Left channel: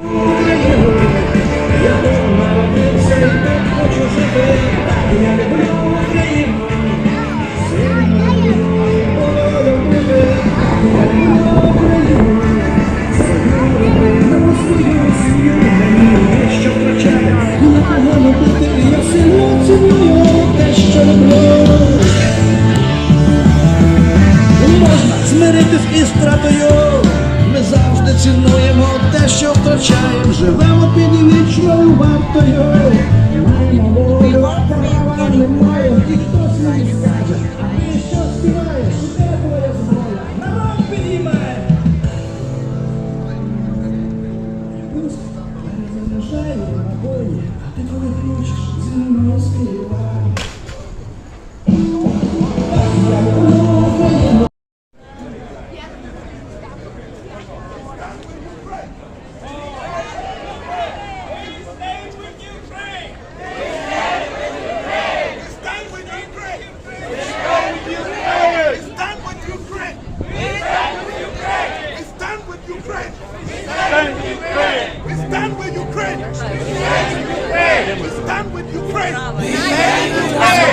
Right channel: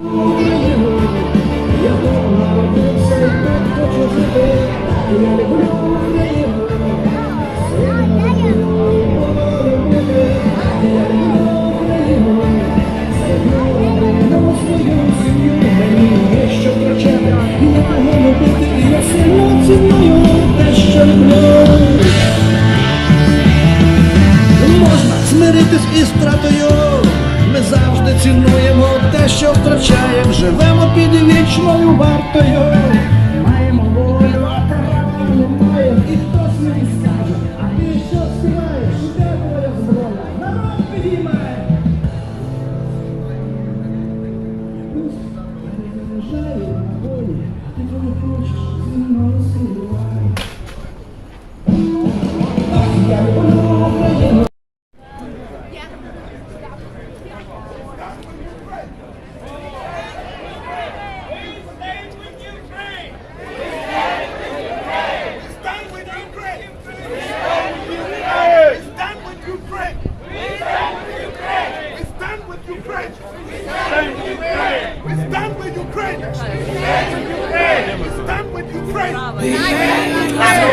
Можна змиритись із втратою. Ми завжди цінуємо те, що втрачаємо. Живемо під вічною вартою. Маємо волю, а права немає. І хтось мені скаже, а ти що співаєш? Де твоя зброя? Народ підіймає. Пусть перезаряджає на бої, а ти коли хочеш зі мною співай. We stand with Ukraine.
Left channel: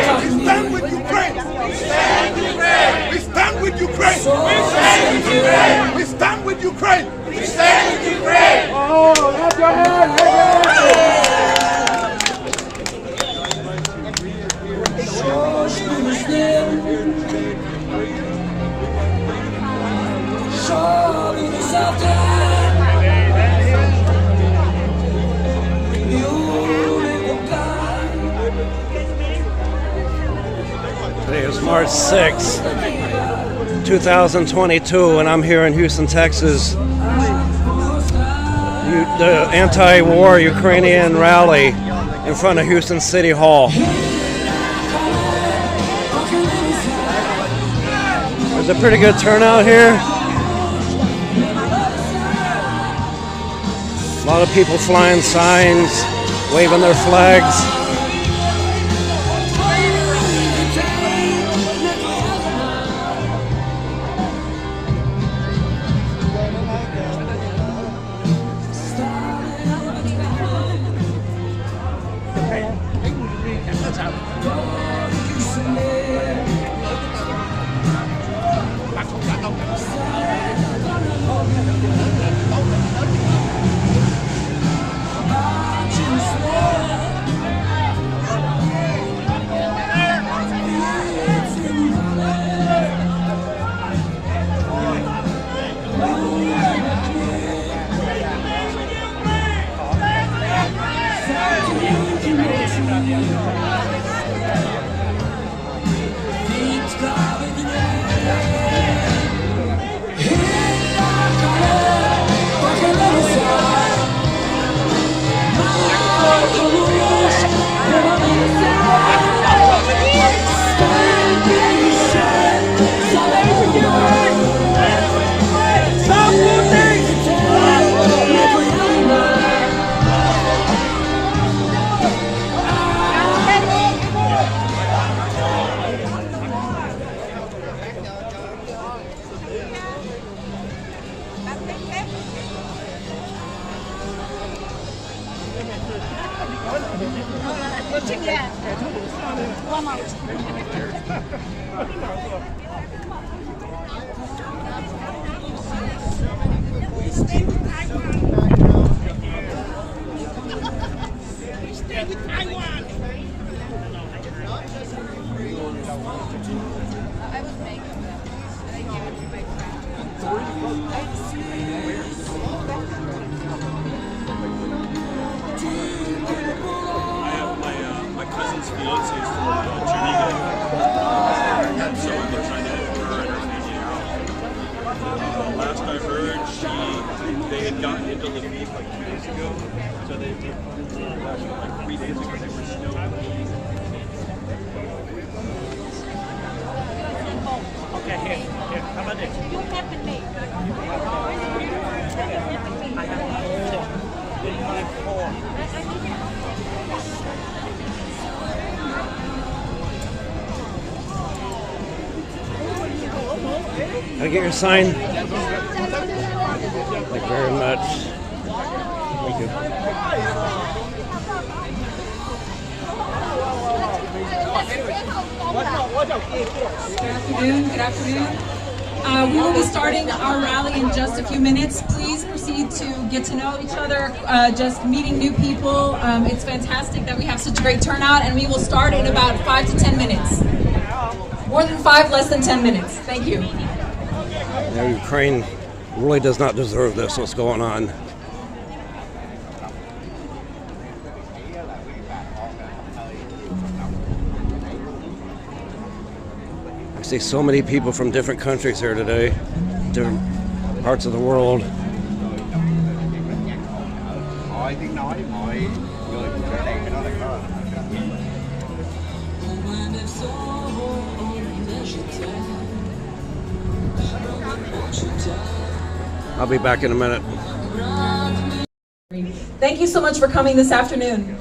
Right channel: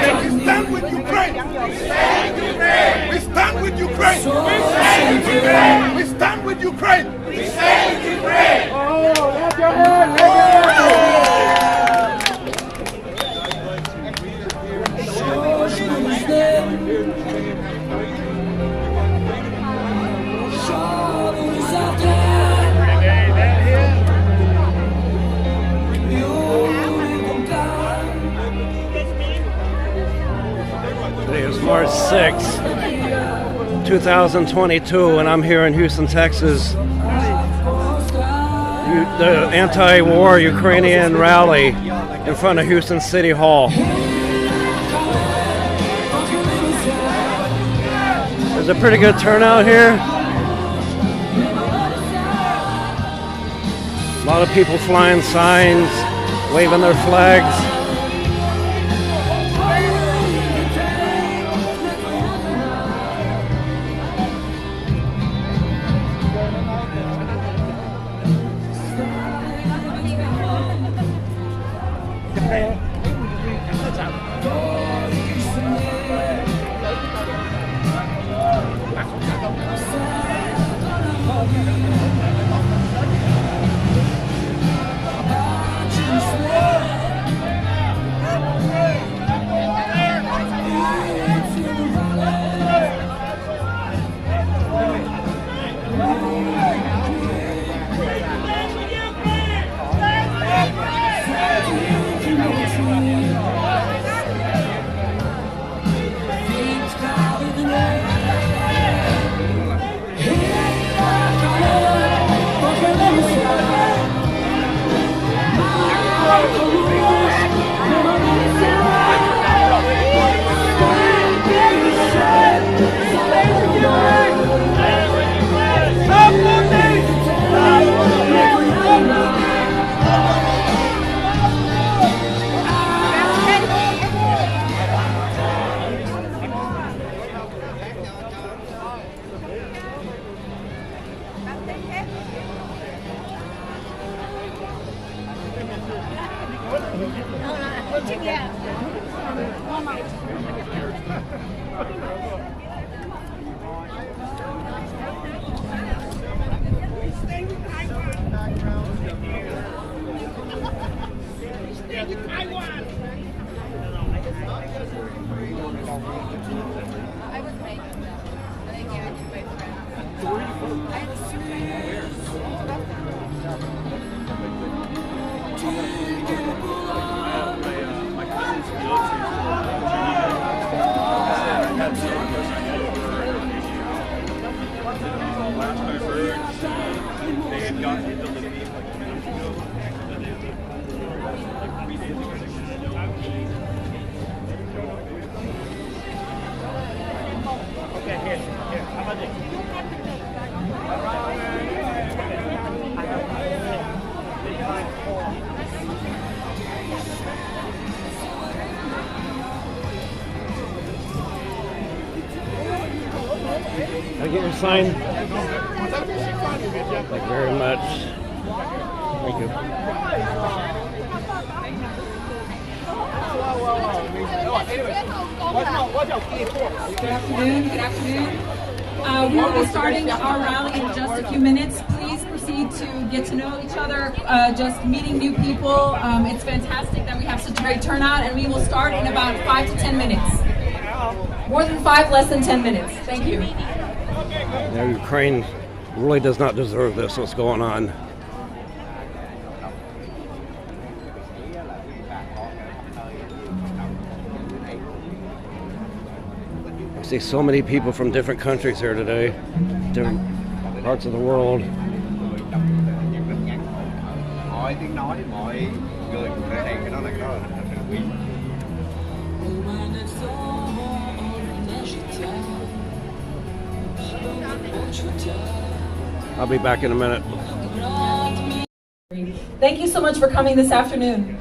We stand with Ukraine. We stand with Ukraine. We stand with Ukraine. We stand with Ukraine. Oh, have your hand, have your hand. Today is March 6th, 2022, and I'm here in Houston, Texas. The anti-war Ukrainian rally in front of Houston City Hall. There's a pretty good turnout here. A lot of people flying signs, waving their flags. Can I get your sign? Thank you very much. Thank you. Good afternoon. Good afternoon. We will be starting our rally in just a few minutes. Please proceed to get to know each other, just meeting new people. It's fantastic that we have such a great turnout, and we will start in about 5 to 10 minutes. More than 5, less than 10 minutes. Thank you. Yeah, Ukraine really does not deserve this, what's going on. I see so many people from different countries here today, different parts of the world. I'll be back in a minute. Thank you so much for coming this afternoon.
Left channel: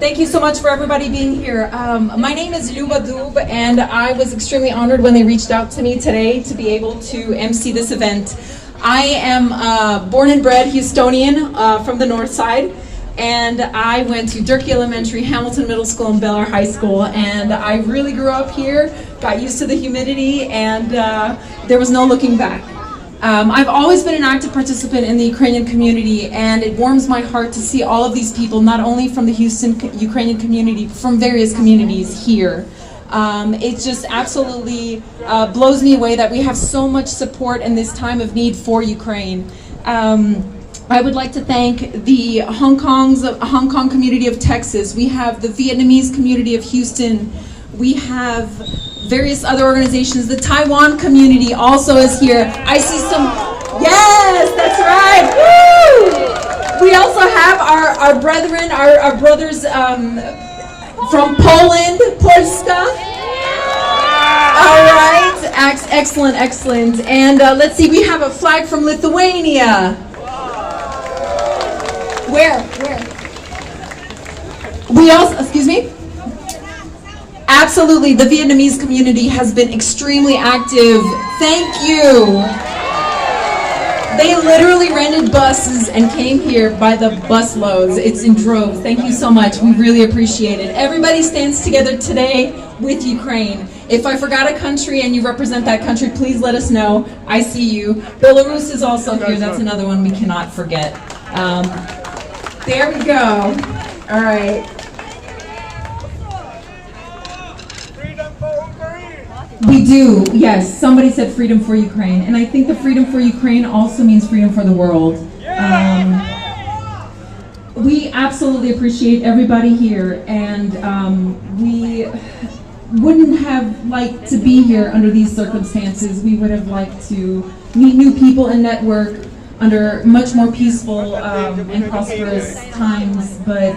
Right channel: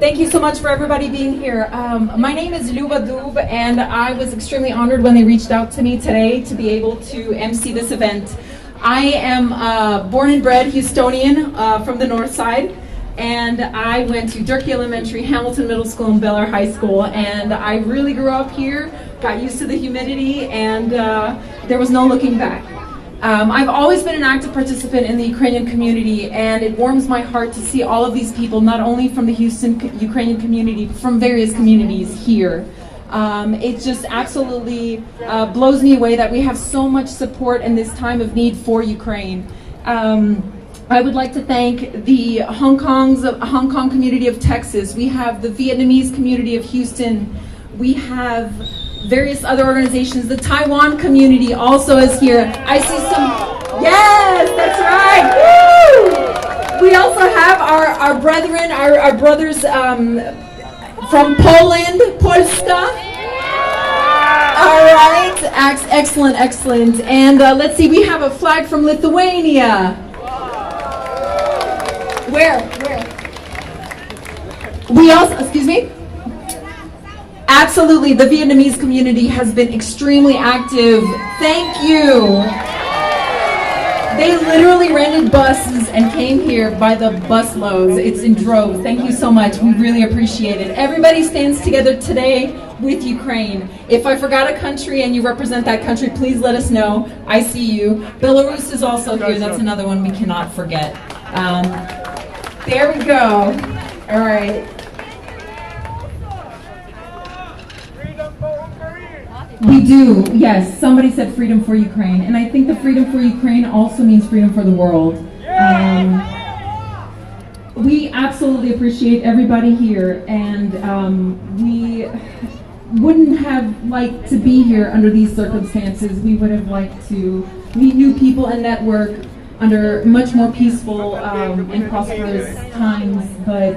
Thank you so much for everybody being here. My name is Luba Dub, and I was extremely honored when they reached out to me today to be able to MC this event. I am born and bred Houstonian from the north side, and I went to Durkee Elementary, Hamilton Middle School, and Bel Air High School, and I really grew up here, got used to the humidity, and there was no looking back. I've always been an active participant in the Ukrainian community, and it warms my heart to see all of these people, not only from the Houston Ukrainian community, but from various communities here. It just absolutely blows me away that we have so much support in this time of need for Ukraine. I would like to thank the Hong Kong community of Texas. We have the Vietnamese community of Houston. We have various other organizations. The Taiwan community also is here. I see some, yes, that's right. Woo! We also have our brethren, our brothers from Poland, Polska. All right, excellent, excellent. And let's see, we have a flag from Lithuania. Where? We also, excuse me? Absolutely, the Vietnamese community has been extremely active. Thank you. They literally rented buses and came here by the busloads. It's in droves. Thank you so much. We really appreciate it. Everybody stands together today with Ukraine. If I forgot a country and you represent that country, please let us know. I see you. Belarus is also here. That's another one we cannot forget. There we go. All right. We do, yes. Somebody said freedom for Ukraine. And I think the freedom for Ukraine also means freedom for the world. We absolutely appreciate everybody here. And we wouldn't have liked to be here under these circumstances. We would have liked to meet new people and network under much more peaceful and prosperous times. But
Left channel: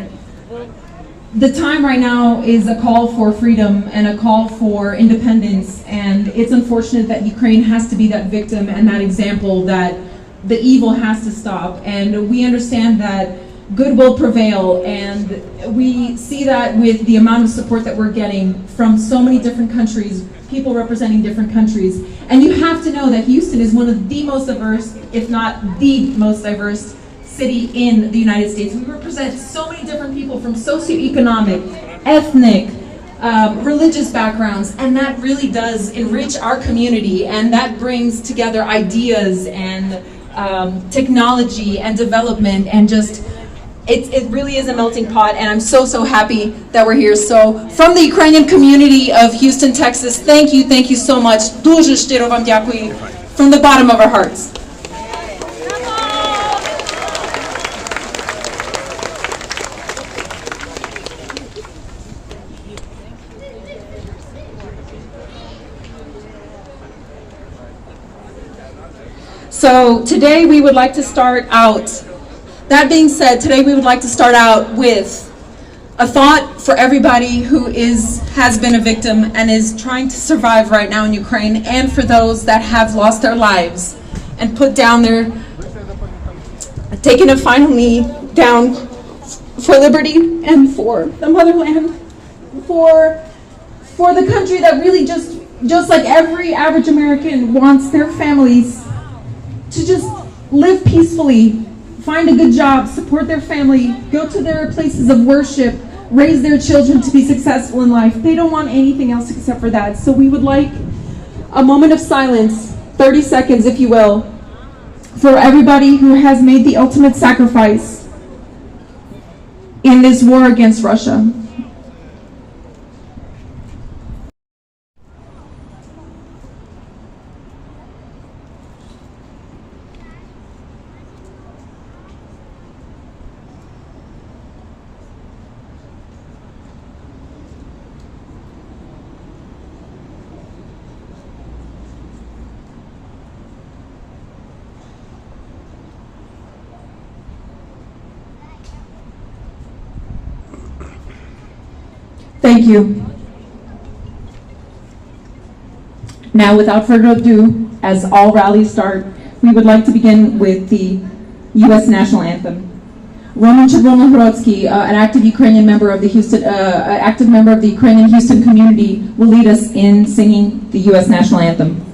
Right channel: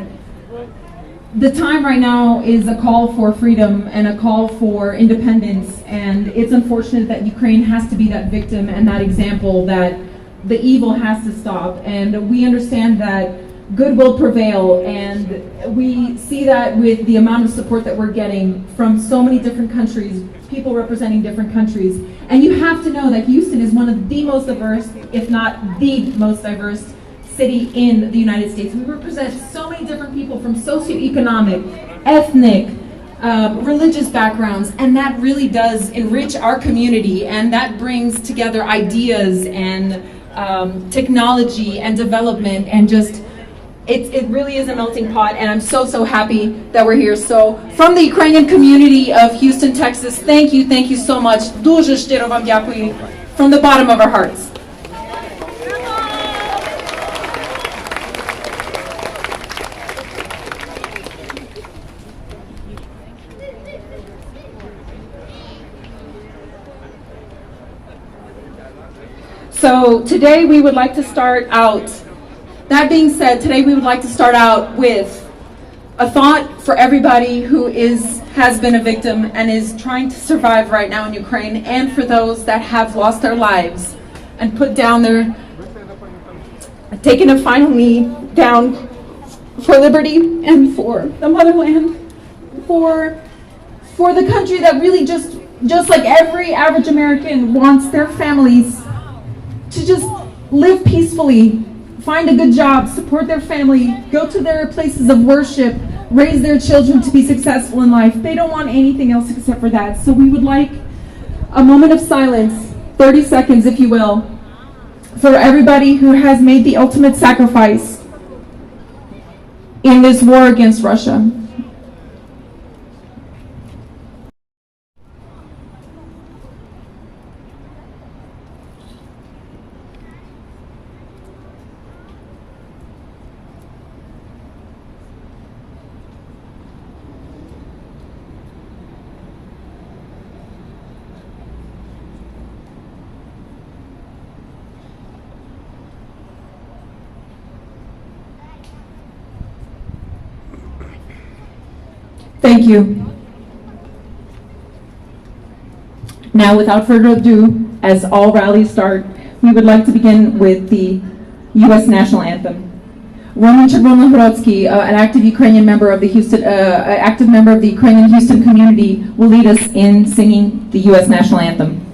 the time right now is a call for freedom and a call for independence, and it's unfortunate that Ukraine has to be that victim and that example that the evil has to stop. And we understand that good will prevail, and we see that with the amount of support that we're getting from so many different countries, people representing different countries. And you have to know that Houston is one of the most diverse, if not the most diverse city in the United States. We represent so many different people from socioeconomic, ethnic, religious backgrounds, and that really does enrich our community, and that brings together ideas and technology and development, and just it really is a melting pot, and I'm so happy that we're here. So from the Ukrainian community of Houston, Texas, thank you so much. Дуже щиро вам дякую from the bottom of our hearts. So today we would like to start out, that being said, today we would like to start out with a thought for everybody who has been a victim and is trying to survive right now in Ukraine, and for those that have lost their lives and put down taken a final knee down for liberty and for the motherland, for the country that really just just like every average American wants their families to just live peacefully, find a good job, support their family, go to their places of worship, raise their children to be successful in life. They don't want anything else except for that. So we would like a moment of silence, 30 seconds if you will, for everybody who has made the ultimate sacrifice in this war against Russia. Thank you. Now, without further ado, as all rallies start, we would like to begin with the U.S. national anthem. Roman Chervonohorodsky, an active Ukrainian member of the Ukrainian Houston community, will lead us in singing the U.S. national anthem.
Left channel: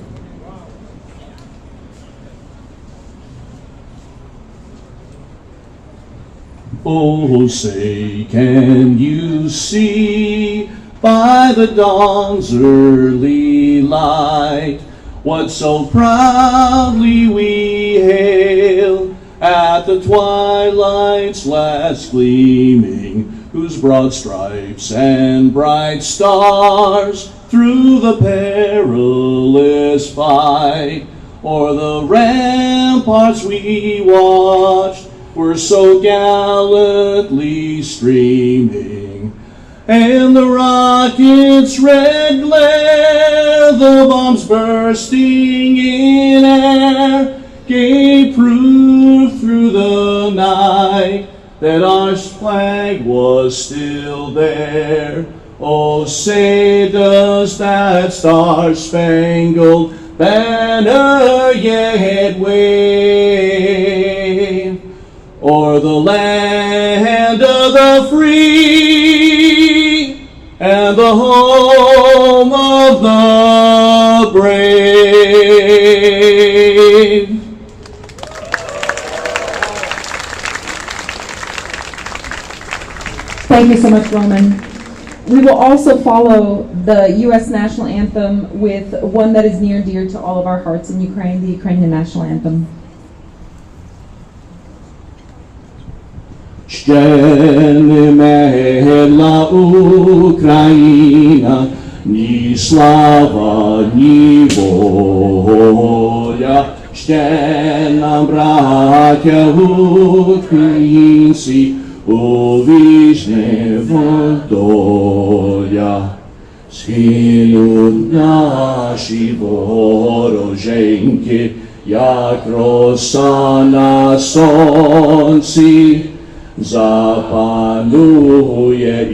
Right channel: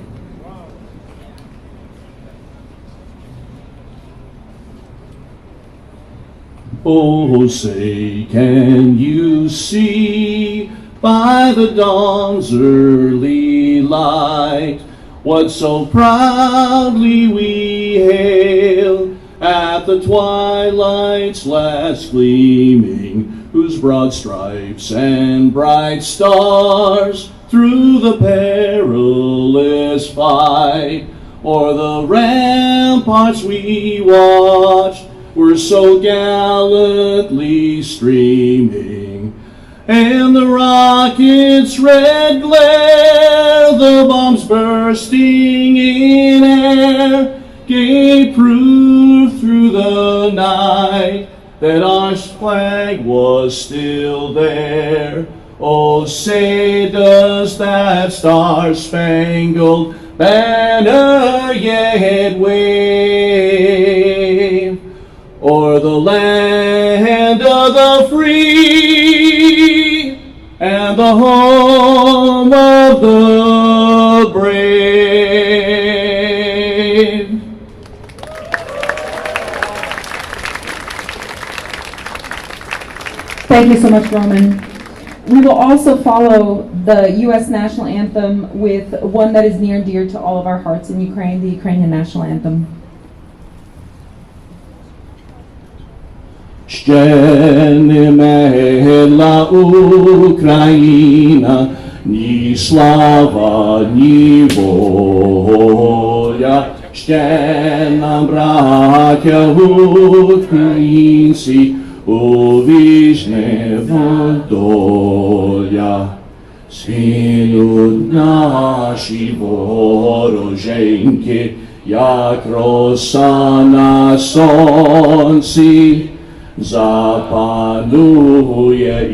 Oh, say, can you see by the dawn's early light what so proudly we hail at the twilight's last gleaming, whose broad stripes and bright stars through the perilous fight o'er the ramparts we watched were so gallantly streaming, and the rocket's red glare, the bombs bursting in air, gave proof through the night that our flag was still there. Oh, say does that star-spangled banner yet wave o'er the land of the free and the home of the brave. Thank you so much, Roman. We will also follow the U.S. national anthem with one that is near and dear to all of our hearts in Ukraine, the Ukrainian national anthem. Ще не медла Україна, ні слава, ні воля. Ще нам, браття українці, увічне доля. Схинуть наші вороженьки, як роса на сонці. Запанує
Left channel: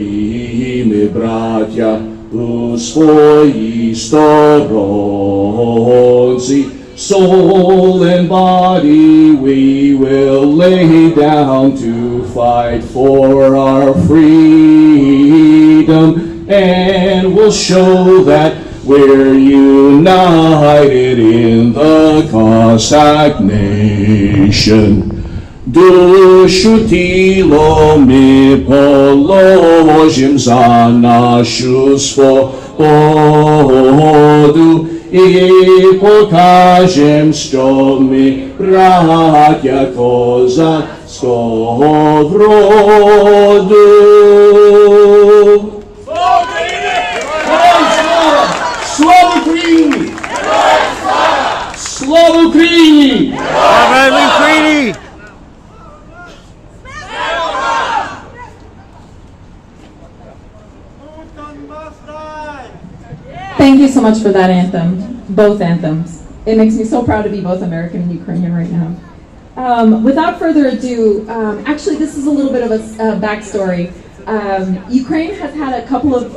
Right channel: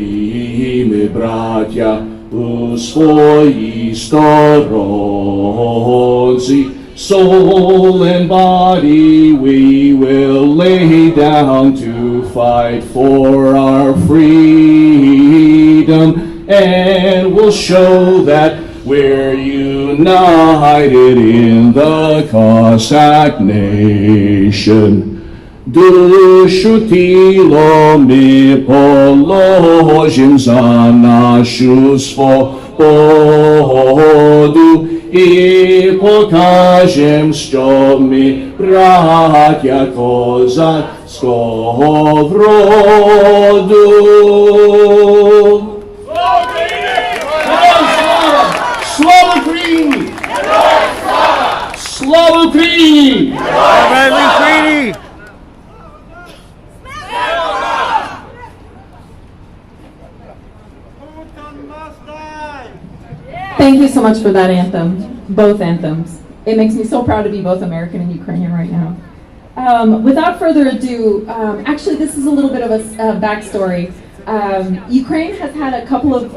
і ми, браття, у своїй сторонці. Soul and body we will lay down to fight for our freedom, and we'll show that we're united in the Cossack nation. Душу тіло ми положим за нашу свободу і покажем, що ми браття козацького вроду. Слава Україні! Слава Україні! Слава Україні! Thank you so much for that anthem, both anthems. It makes me so proud to be both American and Ukrainian right now. Without further ado, actually this is a little bit of a backstory. Ukraine has had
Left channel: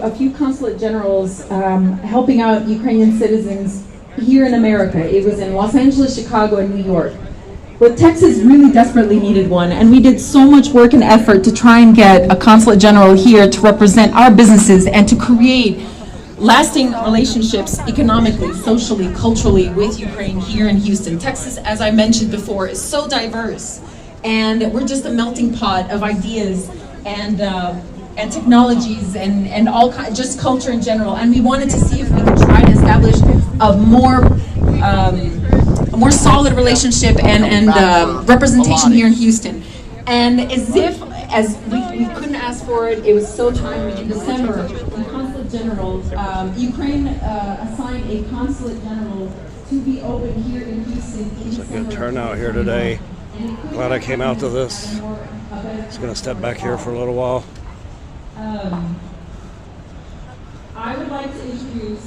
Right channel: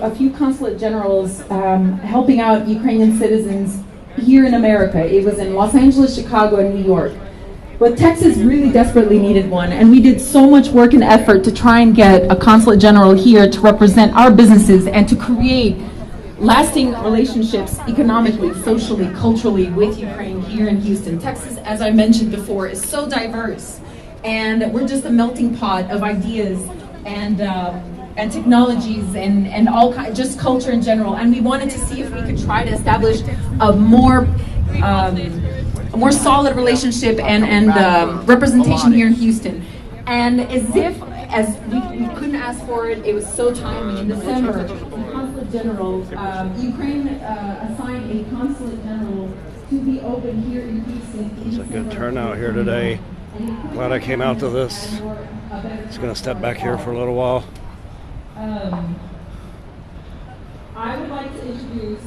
a few consulate generals helping out Ukrainian citizens here in America. It was in Los Angeles, Chicago, and New York. But Texas really desperately needed one, and we did so much work and effort to try and get a consulate general here to represent our businesses and to create lasting relationships economically, socially, culturally with Ukraine here in Houston. Texas, as I mentioned before, is so diverse, and we're just a melting pot of ideas and technologies and all just culture in general. And we wanted to see if we could try to establish a more solid relationship and representation here in Houston. And as we couldn't ask for it, it was so timely. In December, the Consulate General, Ukraine assigned a Consulate General to be open here in Houston. It's a good turnout here today. Glad I came out to this. Just gonna step back here for a little while. I would like to introduce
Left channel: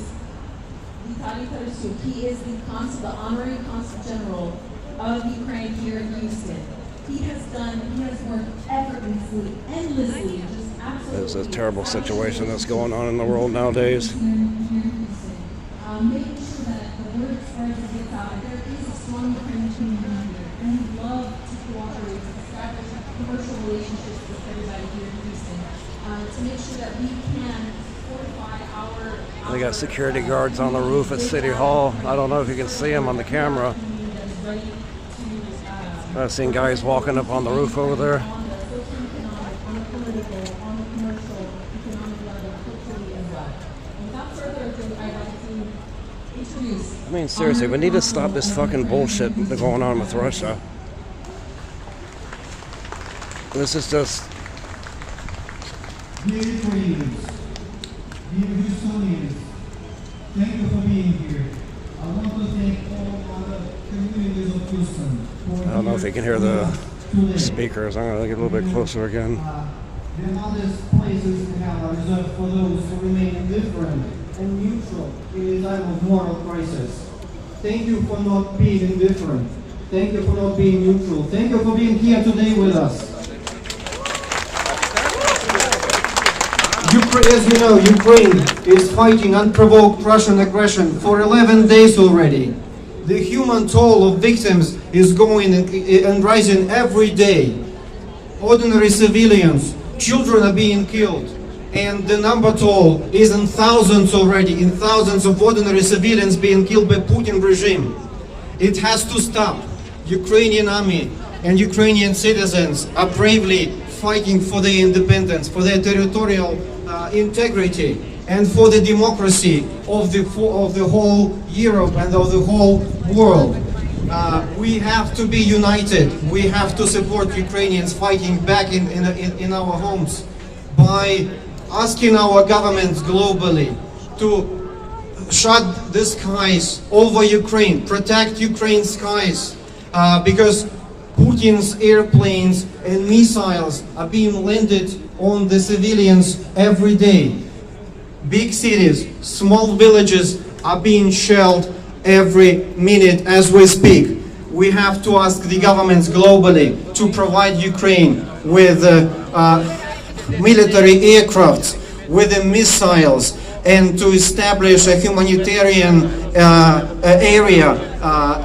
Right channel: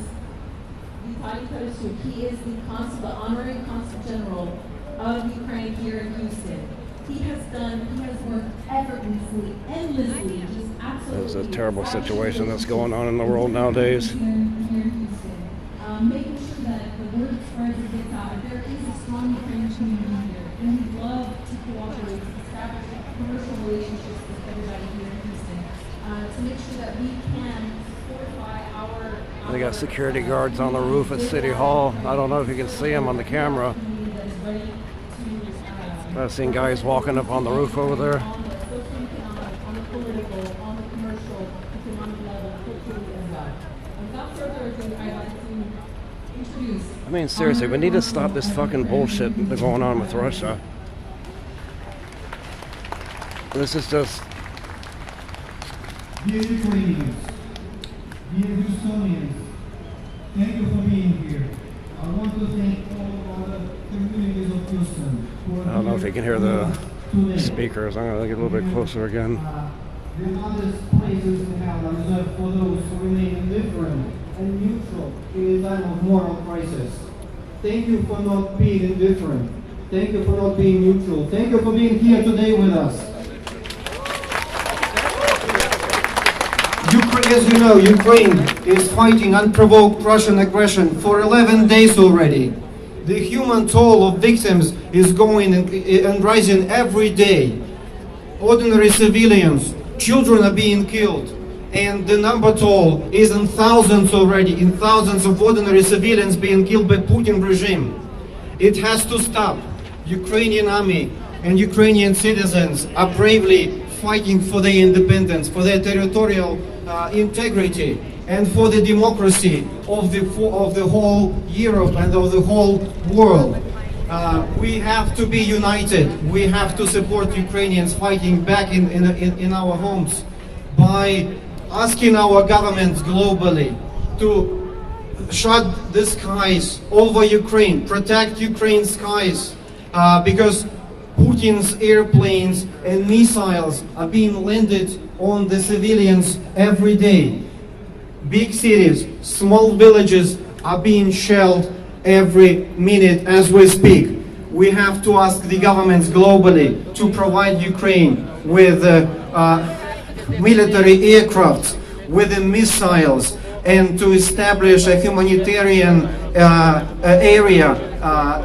Vitaly Tarasuk. He is the honorary Consul General of Ukraine here in Houston. He has worked effortlessly, endlessly, just absolutely. There's a terrible situation that's going on in the world nowadays. Making sure that the word spreads and gets out. There is a strong Ukrainian community here, and we love to cooperate, to establish commercial relationships with everybody here in Houston, to make sure that we can fortify our. They got security guards on the roof at City Hall. I don't know if you can see them on the camera. I've seen guys walking up on the roof over there. On the socio-economic, on the political, on the commercial, economic level, culturally as well. And without further ado, I'd like to introduce. I mean, seriously, we need to stop this fucking bullshit that's going on with Russia. This is just. Dear Ukrainians, dear Houstonians, thank you for being here. I want to thank all other communities of Houston. I don't know if you can hear the speakers. I'm going to get a little bit closer again. The hardest places in hell are reserved for those who remain indifferent and neutral in a time of moral crisis. Thank you for not being indifferent. Thank you for not being neutral. Thank you for being here today with us. As you know, Ukraine is fighting unprovoked Russian aggression for 11 days already. The human toll of victims is going and rising every day. Ordinary civilians, children are being killed, and the number toll is in thousands already, in thousands of ordinary civilians being killed by Putin regime. It has to stop. Ukrainian army and Ukrainian citizens are bravely fighting for their independence, for their territorial integrity, and for the democracy of the whole Europe and of the whole world. We have to be united. We have to support Ukrainians fighting back in our homes by asking our governments globally to shut the skies over Ukraine, protect Ukraine's skies, because Putin's airplanes and missiles are being landed on the civilians every day. Big cities, small villages are being shelled every minute as we speak. We have to ask the governments globally to provide Ukraine with military aircrafts, with the missiles, and to establish a humanitarian area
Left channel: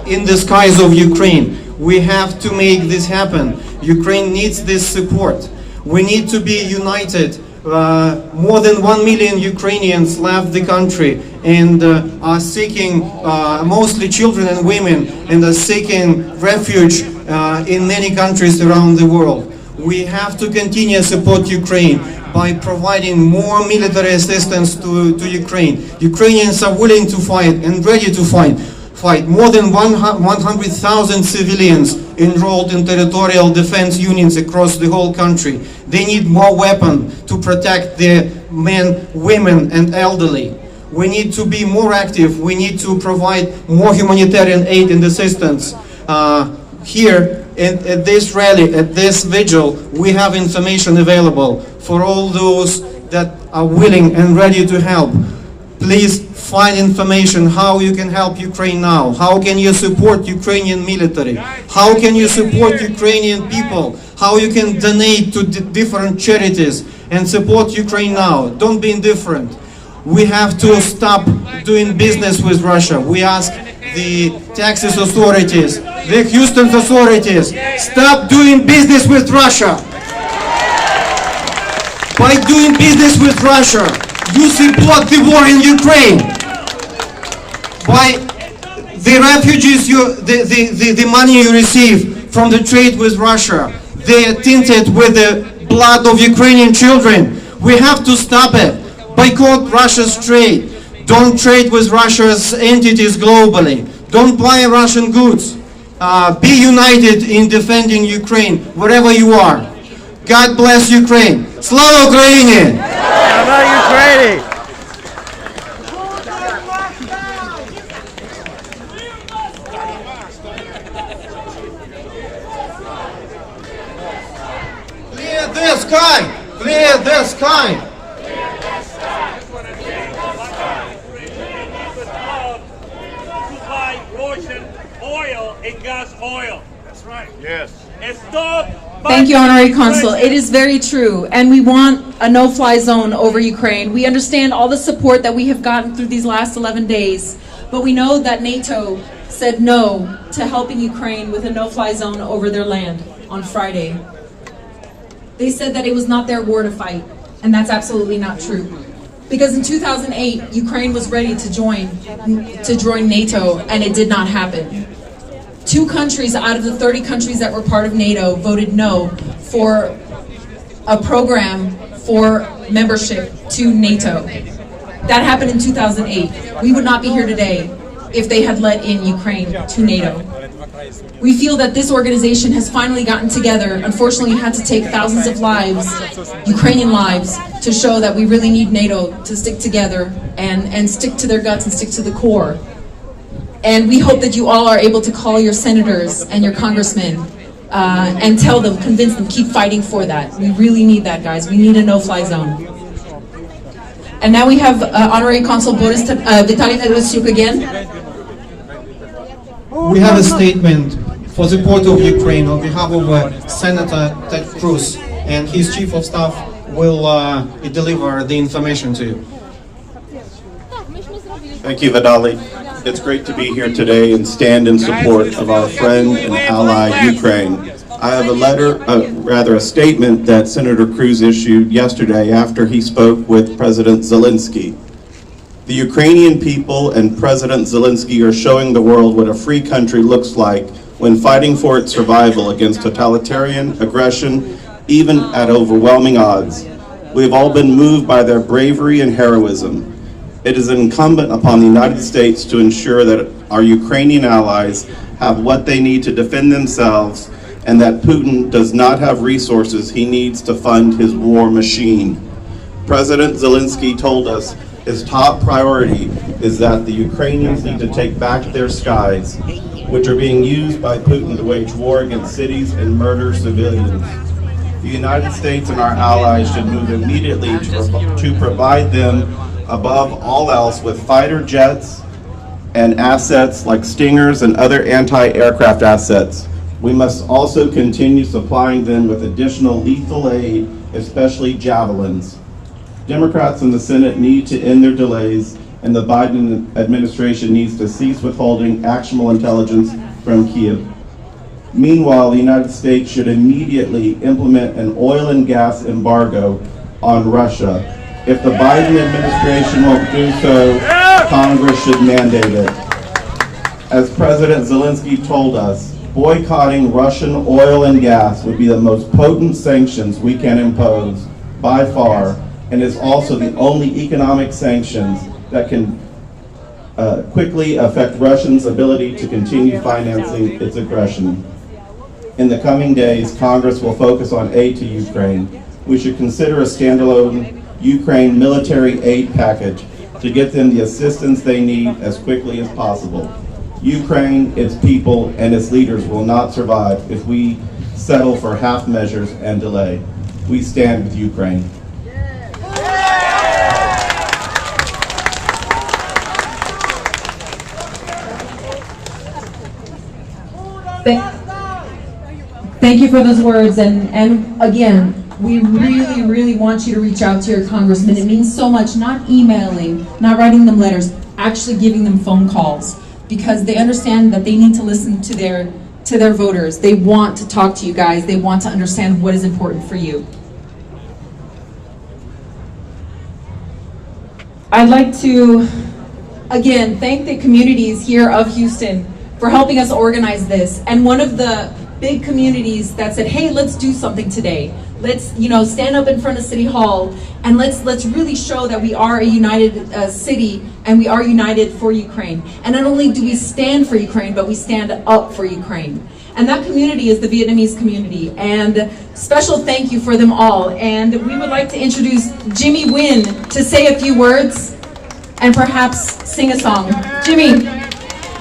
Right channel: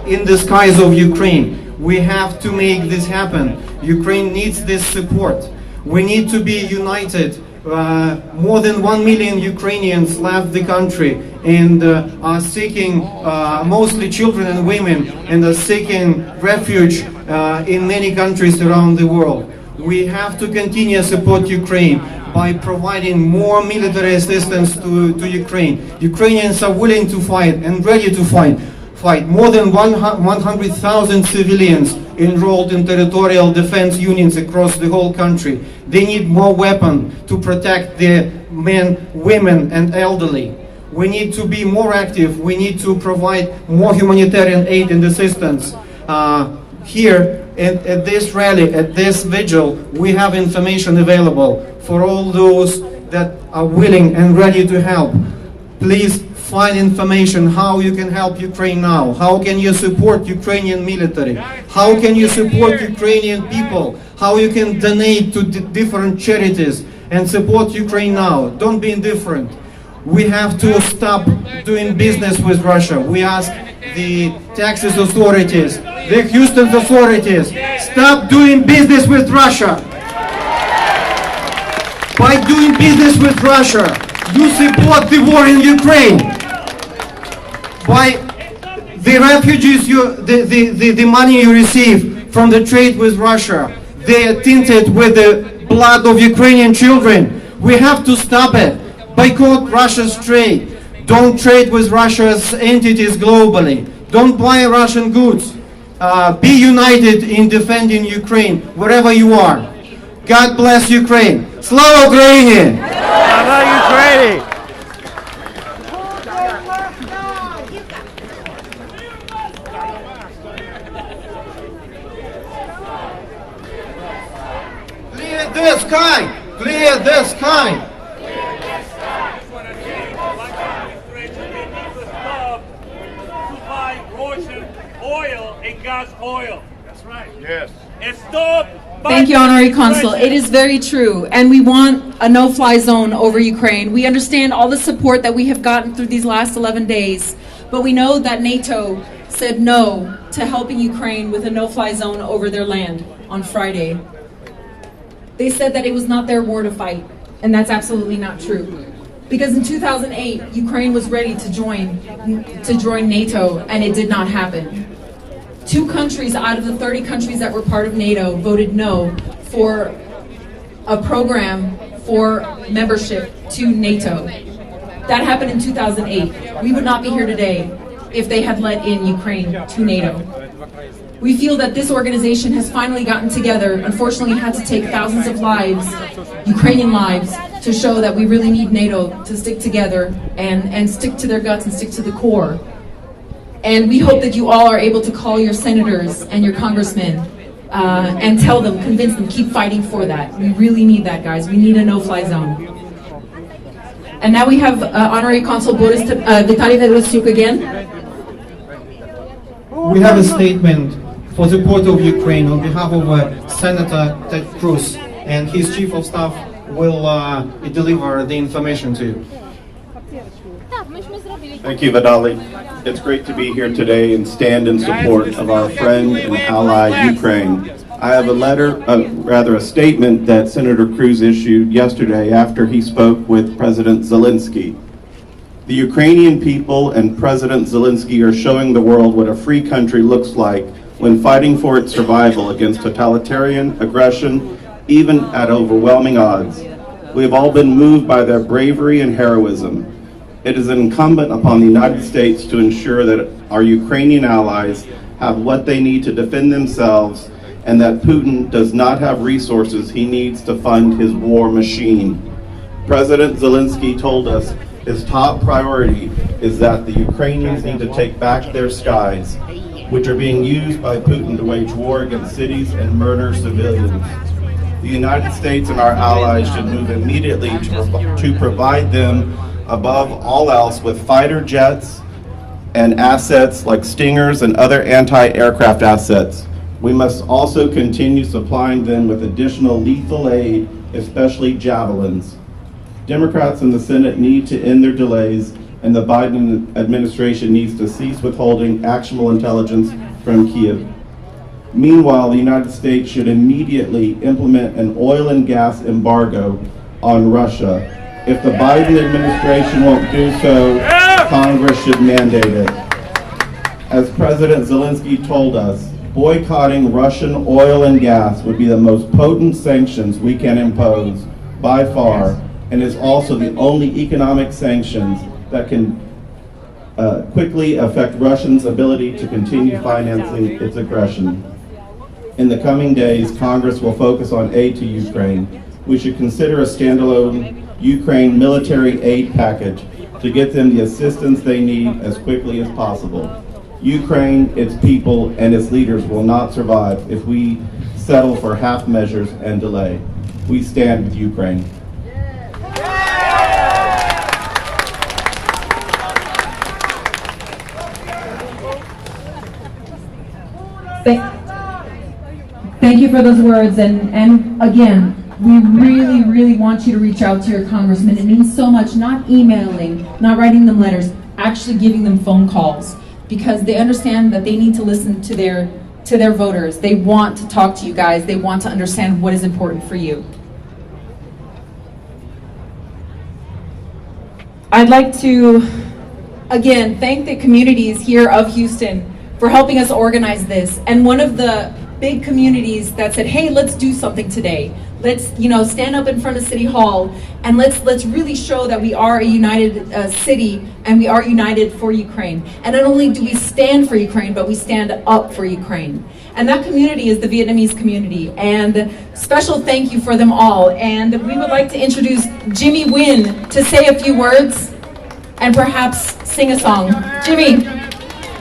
in the skies of Ukraine. We have to make this happen. Ukraine needs this support. We need to be united. More than 1 million Ukrainians left the country and are seeking, mostly children and women, and are seeking refuge in many countries around the world. We have to continue to support Ukraine by providing more military assistance to Ukraine. Ukrainians are willing to fight and ready to fight. More than 100,000 civilians enrolled in territorial defense units across the whole country. They need more weapons to protect their men, women, and elderly. We need to be more active. We need to provide more humanitarian aid and assistance. Here at this rally, at this vigil, we have information available for all those that are willing and ready to help. Please find information how you can help Ukraine now. How can you support Ukrainian military? How can you support Ukrainian people? How you can donate to different charities and support Ukraine now. Don't be indifferent. We have to stop doing business with Russia. We ask the Texas authorities, the Houston authorities, stop doing business with Russia. By doing business with Russia, you support the war in Ukraine. By the refugees, the money you receive from the trade with Russia, they are tinted with the blood of Ukrainian children. We have to stop it. Boycott Russia's trade. Don't trade with Russia's entities globally. Don't buy Russian goods. Be united in defending Ukraine, wherever you are. God bless Ukraine. Slava Ukraini! Slava Ukraini! Clear the sky! Clear the sky! To buy Russian oil and gas oil. That's right. Yes. And stop. Thank you, Honorary Consul. It is very true, and we want a no-fly zone over Ukraine. We understand all the support that we have gotten through these last 11 days, but we know that NATO said no to helping Ukraine with a no-fly zone over their land on Friday. They said that it was not their war to fight, and that's absolutely not true. Because in 2008, Ukraine was ready to join NATO, and it did not happen. 2 countries out of the 30 countries that were part of NATO voted no for a program for membership to NATO. That happened in 2008. We would not be here today if they had let in Ukraine to NATO. We feel that this organization has finally gotten together. Unfortunately, it had to take thousands of lives, Ukrainian lives, to show that we really need NATO to stick together and stick to their guts and stick to the core. And we hope that you all are able to call your senators and your congressmen and tell them, convince them, keep fighting for that. We really need that, guys. We need a no-fly zone. And now we have Honorary Consul Boris Vitaly Tarasyuk again. We have a statement for the support of Ukraine on behalf of Senator Ted Cruz, and his chief of staff will deliver the information to you. Thank you, Vitaly. It's great to be here today and stand in support of our friend and ally, Ukraine. I have a statement that Senator Cruz issued yesterday after he spoke with President Zelensky. The Ukrainian people and President Zelensky are showing the world what a free country looks like when fighting for its survival against totalitarian aggression, even at overwhelming odds. We have all been moved by their bravery and heroism. It is incumbent upon the United States to ensure that our Ukrainian allies have what they need to defend themselves and that Putin does not have resources he needs to fund his war machine. President Zelensky told us his top priority is that the Ukrainians need to take back their skies, which are being used by Putin to wage war against cities and murder civilians. The United States and our allies should move immediately to provide them, above all else, with fighter jets and assets like Stingers and other anti-aircraft assets. We must also continue supplying them with additional lethal aid, especially javelins. Democrats in the Senate need to end their delays, and the Biden administration needs to cease withholding actionable intelligence from Kyiv. Meanwhile, the United States should immediately implement an oil and gas embargo on Russia. If the Biden administration won't do so, Congress should mandate it. As President Zelensky told us, boycotting Russian oil and gas would be the most potent sanctions we can impose by far, and is also the only economic sanctions that can quickly affect Russia's ability to continue financing its aggression. In the coming days, Congress will focus on aid to Ukraine. We should consider a standalone Ukraine military aid package to get them the assistance they need as quickly as possible. Ukraine, its people, and its leaders will not survive if we settle for half measures and delay. We stand with Ukraine. Thank you for those words, and again, we really want you to reach out to your congressman. It means so much, not emailing, not writing them letters, actually giving them phone calls, because they understand that they need to listen to their voters. They want to talk to you guys. They want to understand what is important for you. I'd like to, again, thank the communities here of Houston for helping us organize this. And one of the big communities that said, hey, let's do something today. Let's, stand up in front of City Hall and let's really show that we are a united city and we are united for Ukraine. And not only do we stand for Ukraine, but we stand up for Ukraine. And that community is the Vietnamese community. And special thank you for them all. And we would like to introduce Jimmy Nguyen to say a few words and perhaps sing a song. Jimmy,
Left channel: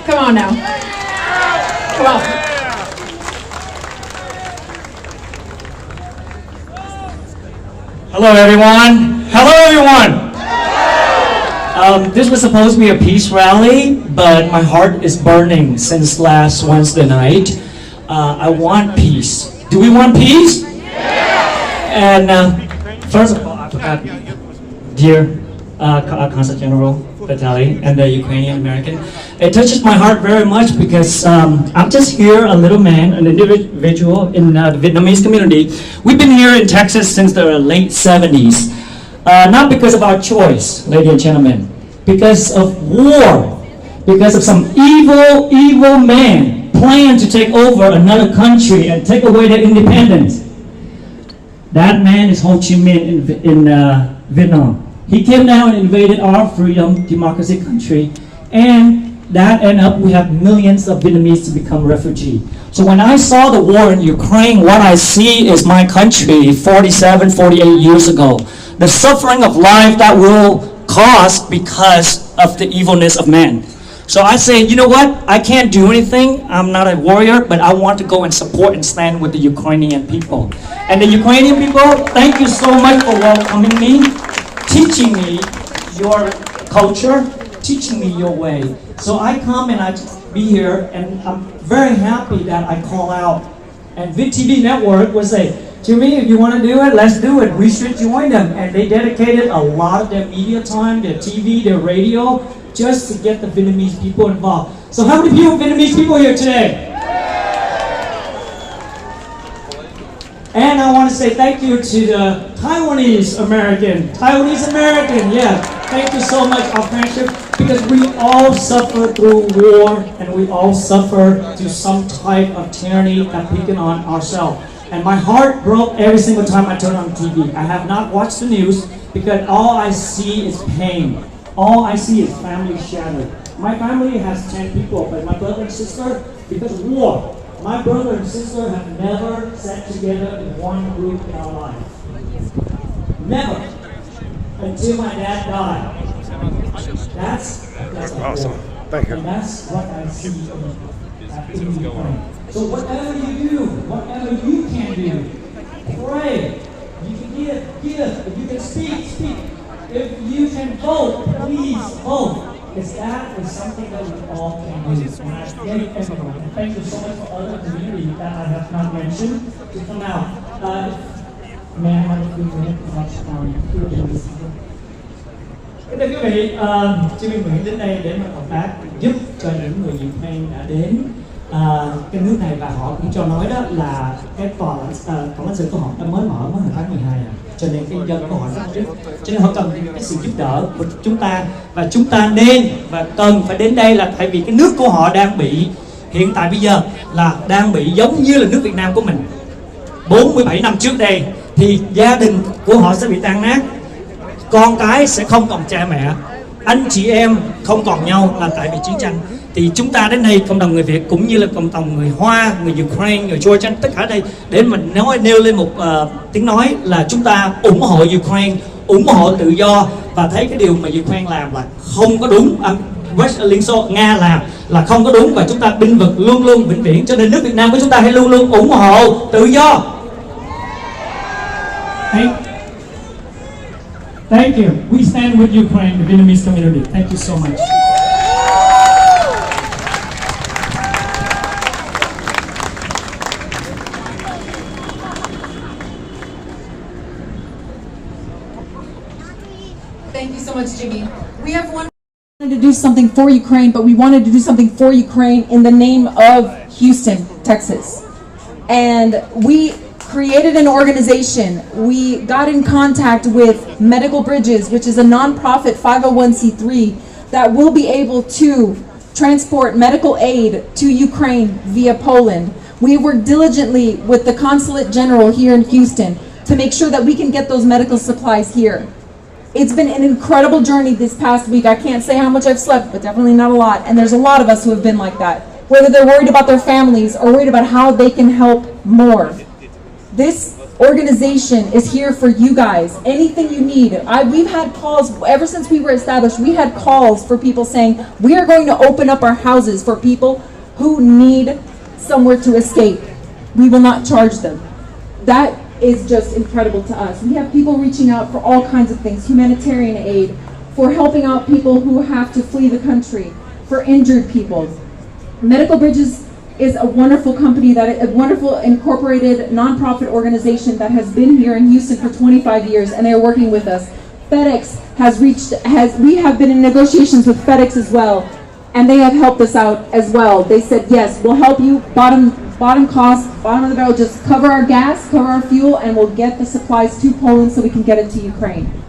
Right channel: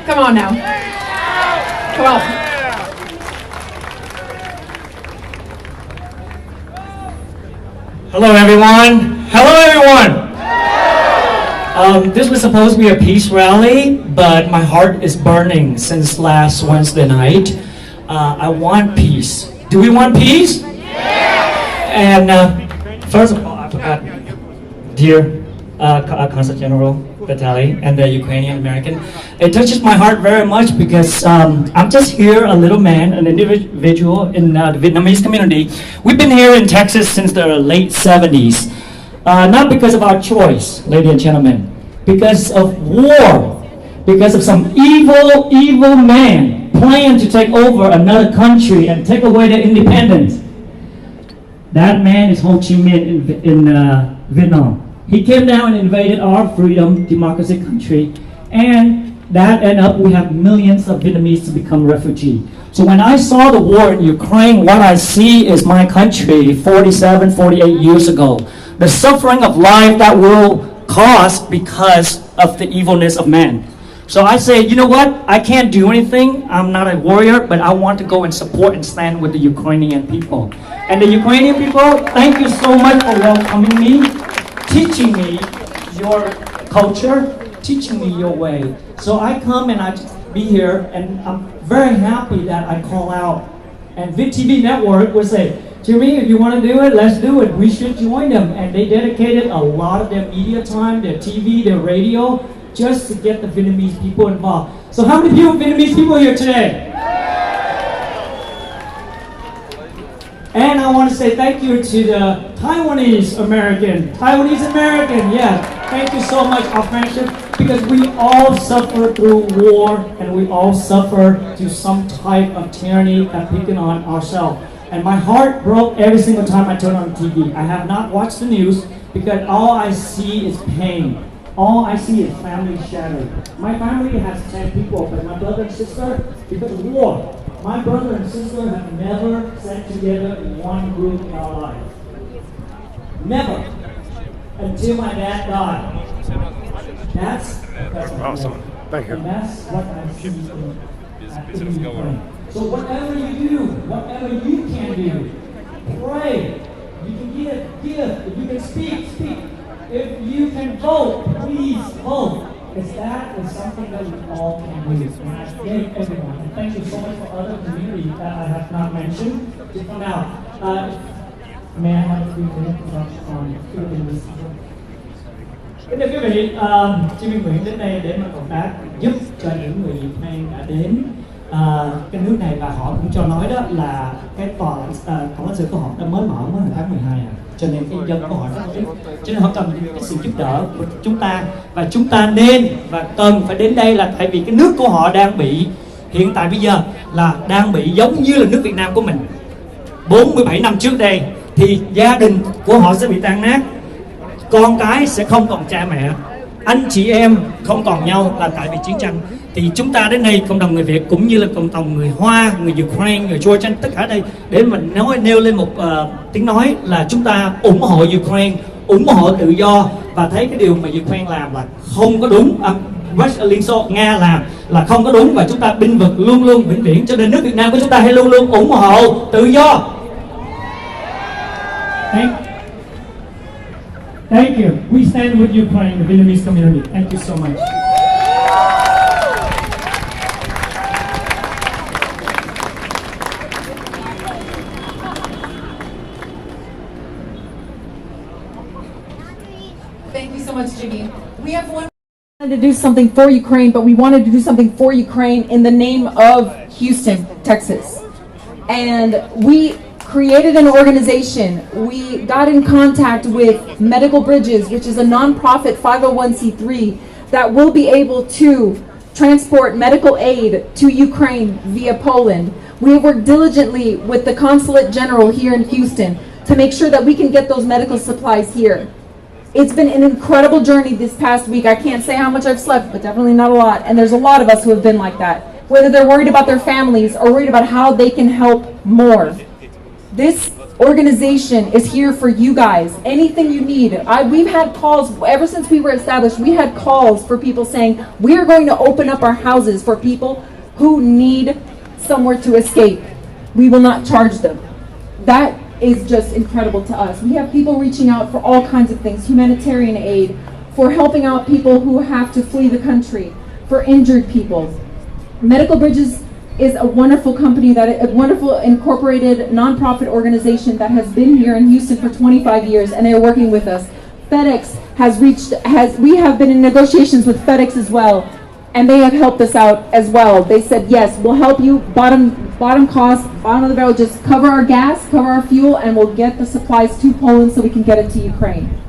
come on now. Come on. Hello everyone! Hello everyone! This was supposed to be a peace rally, but my heart is burning since last Wednesday night. I want peace. Do we want peace? And first of all, dear Consul General Vitali and the Ukrainian American, it touches my heart very much because I'm just here, a little man, an individual in the Vietnamese community. We've been here in Texas since the late 70s. Not because of our choice, ladies and gentlemen, because of war, because of some evil man planned to take over another country and take away their independence. That man is Ho Chi Minh in Vietnam. He came down and invaded our freedom, democracy country, and that ended up, we have millions of Vietnamese to become refugees. So when I saw the war in Ukraine, what I see is my country 47, 48 years ago. The suffering of life that will cause because of the evilness of man. So I say, you know what? I can't do anything. I'm not a warrior, but I want to go and support and stand with the Ukrainian people. And the Ukrainian people, thank you so much for welcoming me, teaching me your culture, teaching me your way. So I come and I be here, and I'm very happy that I call out. And VTV Network will say, Jimmy, if you want to do it, let's do it. We should join them. And they dedicated a lot of their media time, their TV, their radio, just to get the Vietnamese people involved. So how many Vietnamese people here today? And I want to say thank you to the Taiwanese American, yeah. Thank you so much, our friendship, because we all suffer through war and we all suffer through some type of tyranny that picking on ourselves. And my heart broke every single time I turn on TV. I have not watched the news because all I see is pain. All I see is family shattered. My family has 10 people, but my brother and sister, because of war, my brother and sister have never sat together in one group in our life. Never. Until my dad died. That's Awesome. Thank you. And that's what I see in Ukraine. So whatever you do, whatever you can do, pray. You can give. If you can speak. If you can vote, please vote. Because that is something that we all can do. And I thank everyone. And thank you so much for other communities that I have not mentioned to come out. May I have a few minutes of here in this room? Kính thưa quý vị, Jimmy Nguyễn đến đây để mà cộng tác giúp cho những người Ukraine đã đến cái nước này, và họ cũng cho nói đó là cái cổng lãnh sự của họ đã mới mở hồi tháng 12 cho nên cái dân của họ rất ít, cho nên họ cần cái sự giúp đỡ của chúng ta, và chúng ta nên và cần phải đến đây là tại vì cái nước của họ đang bị hiện tại bây giờ là đang bị giống như là nước Việt Nam của mình 47 năm trước đây, thì gia đình của họ sẽ bị tan nát, con cái sẽ không còn cha mẹ, anh chị em không còn nhau là tại vì chiến tranh. Thì chúng ta đến đây, cộng đồng người Việt cũng như là cộng đồng người Hoa, người Ukraine, người Georgia, tất cả đây để mình nêu lên một tiếng nói là chúng ta ủng hộ Ukraine, ủng hộ tự do, và thấy cái điều mà Ukraine làm là không có đúng, Liên Xô Nga làm là không có đúng, và chúng ta binh vực luôn luôn vĩnh viễn. Cho nên nước Việt Nam của chúng ta hãy luôn luôn ủng hộ tự do. Thank you. We stand with Ukraine, the Vietnamese community. Thank you so much. Thank you so much, Jimmy. We have one to do something for Ukraine, but we wanted to do something for Ukraine in the name of Houston, Texas. And we created an organization. We got in contact with Medical Bridges, which is a nonprofit 501c3 that will be able to transport medical aid to Ukraine via Poland. We have worked diligently with the Consulate General here in Houston to make sure that we can get those medical supplies here. It's been an incredible journey this past week. I can't say how much I've slept, but definitely not a lot. And there's a lot of us who have been like that, whether they're worried about their families or worried about how they can help more. This organization is here for you guys. Anything you need. We've had calls, ever since we were established, we had calls for people saying, we are going to open up our houses for people who need somewhere to escape. We will not charge them. That is just incredible to us. We have people reaching out for all kinds of things, humanitarian aid, for helping out people who have to flee the country, for injured people. Medical Bridges is a wonderful company, a wonderful incorporated nonprofit organization that has been here in Houston for 25 years, and they're working with us. FedEx we have been in negotiations with FedEx as well, and they have helped us out as well. They said, yes, we'll help you, bottom cost, bottom of the barrel, just cover our gas, cover our fuel, and we'll get the supplies to Poland so we can get it to Ukraine.